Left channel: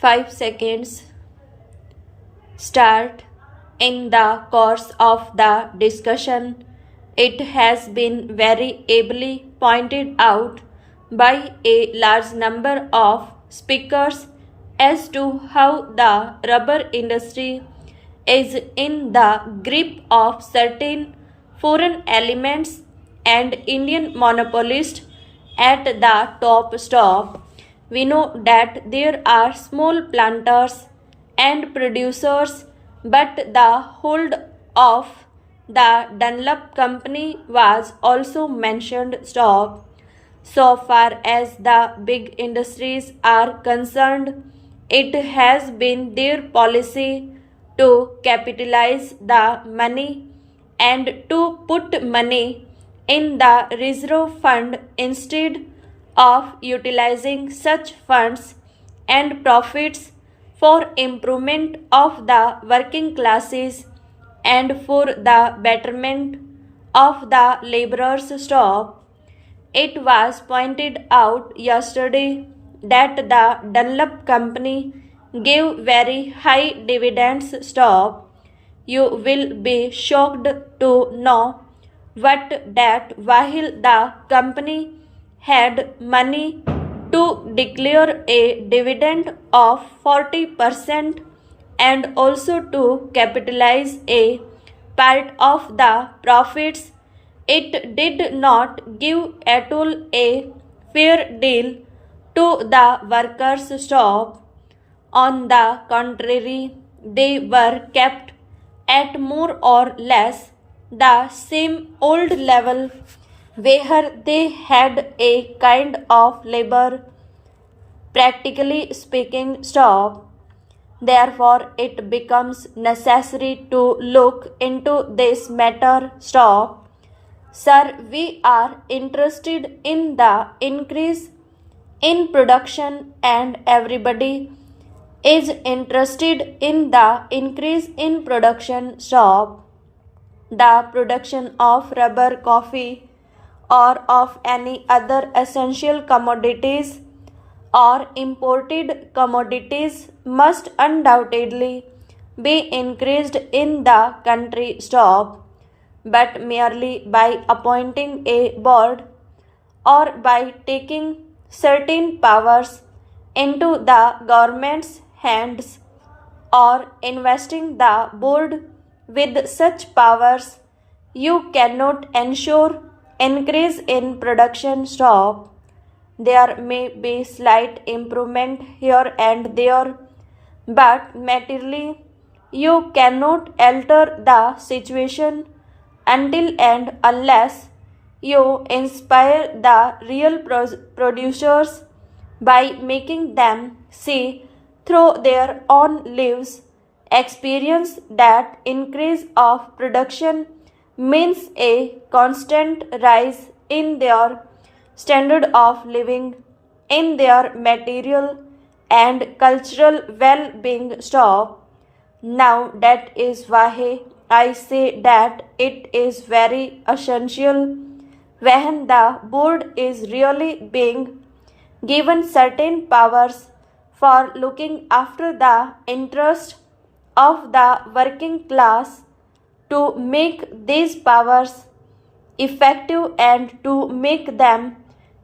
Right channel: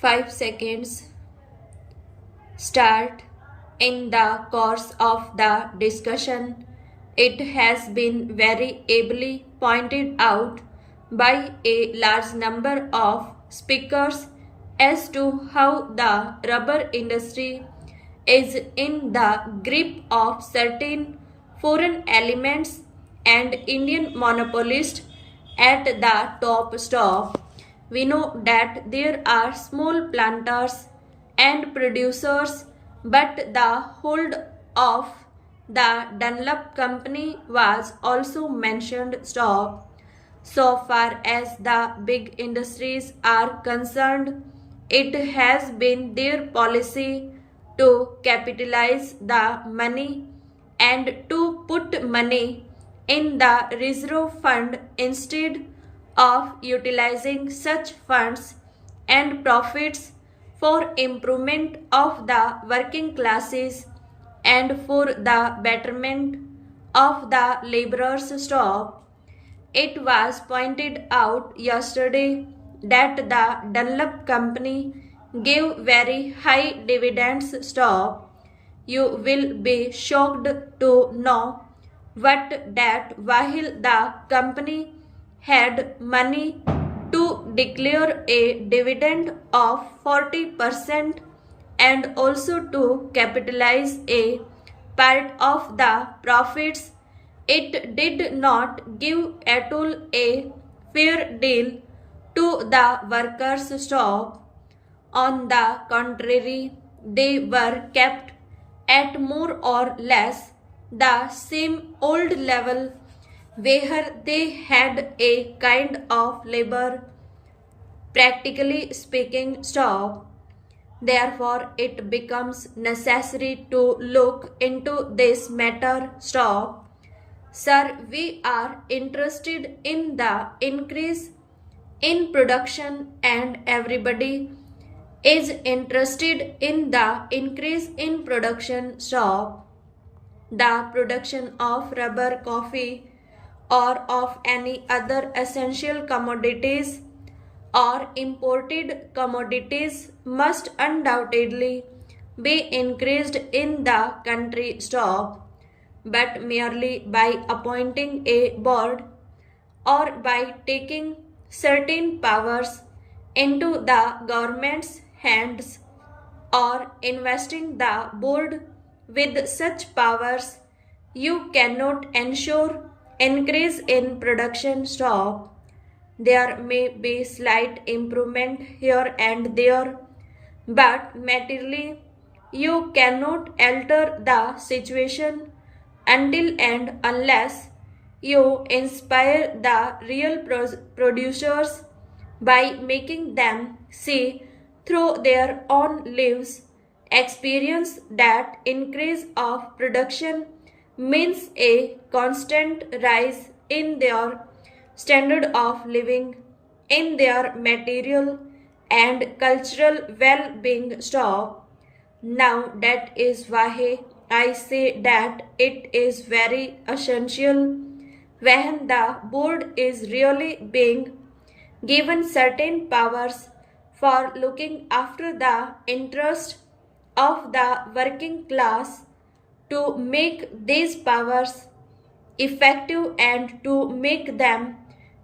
5 seconds. Start. In the course of the discussion, it has been very ably pointed out by a large number of speakers as to how the rubber industry is in the grip of certain foreign elements and Indian monopolists at the top stop. We know that there are small planters and producers, but the hold of the Dunlop company was also mentioned. Stop. So far as the big industries are concerned, it has been their policy to capitalize the money and to put money in the reserve fund instead of utilizing such funds and profits for improvement of the working classes and for the betterment of the laborers. Stop. It was pointed out yesterday that the Dunlop company gave very high dividends. Stop. You will be shocked to know what that while the company had money to declare a dividend of 40% and also to capitalize a part of the profits, it did not give at all a fair deal to the workers. Stop. On the contrary, they were kept at more or less the same old level where they had a kind of labor, practically speaking. Stop. Therefore, it becomes necessary to look into this matter. Stop. Sir, we are interested in the increase in production and everybody is interested in the increase in production. Stop. The production of rubber, coffee, or of any other essential commodities or imported commodities must undoubtedly be increased in the country. Stop. But merely by appointing a board or by taking certain powers into the government's hands or investing the board with such powers, you cannot ensure increase in production. Stop. There may be slight improvement here and there, but materially you cannot alter the situation until and unless you inspire the real producers by making them see through their own lives experience that increase of production means a constant rise in their standard of living, in their material and cultural well-being. Stop. Now that is why I say that it is very essential when the board is really being given certain powers for looking after the interest of the working class to make these powers effective, and to make them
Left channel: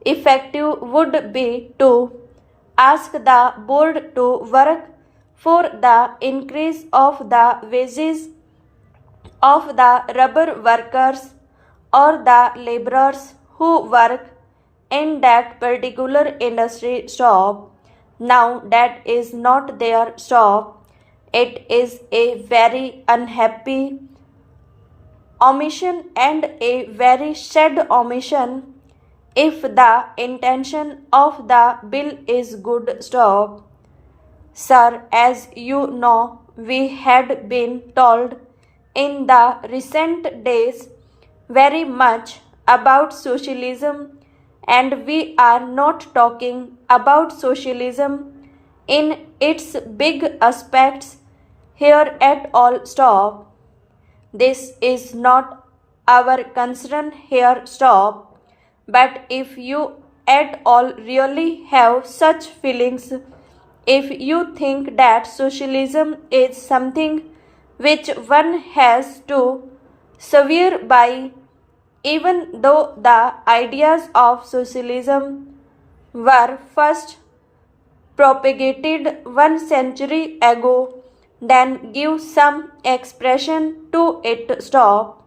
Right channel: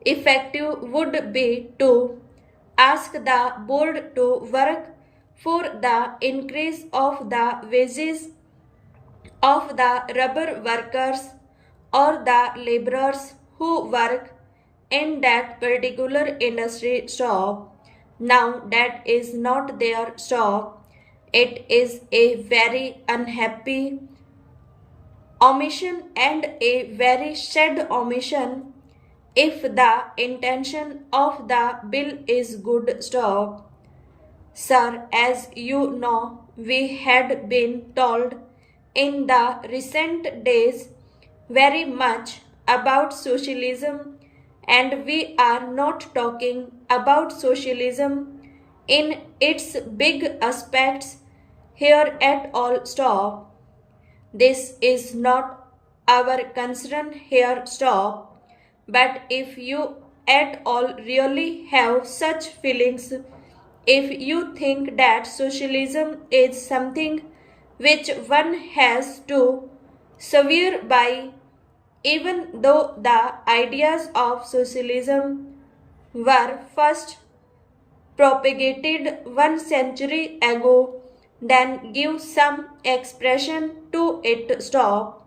effective would be to ask the board to work for the increase of the wages of the rubber workers or the laborers who work in that particular industry. Stop. Now that is not their. Stop. It is a very unhappy omission and a very sad omission if the intention of the bill is good. Stop. Sir, as you know, we had been told in the recent days very much about socialism, and we are not talking about socialism in its big aspects here at all. Stop. This is not our concern here. Stop. But if you at all really have such feelings If you think that socialism is something which one has to swear by, even though the ideas of socialism were first propagated 1 century ago, then give some expression to it. Stop.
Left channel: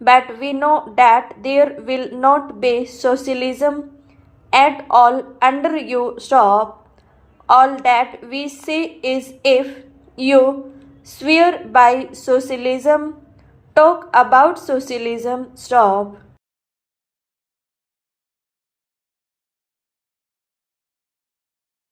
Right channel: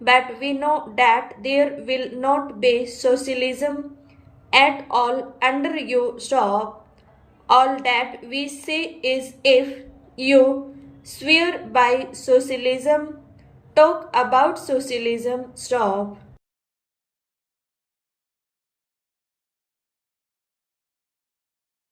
But we know that there will not be socialism at all under you. Stop. All that we say is if you swear by socialism, talk about socialism. Stop.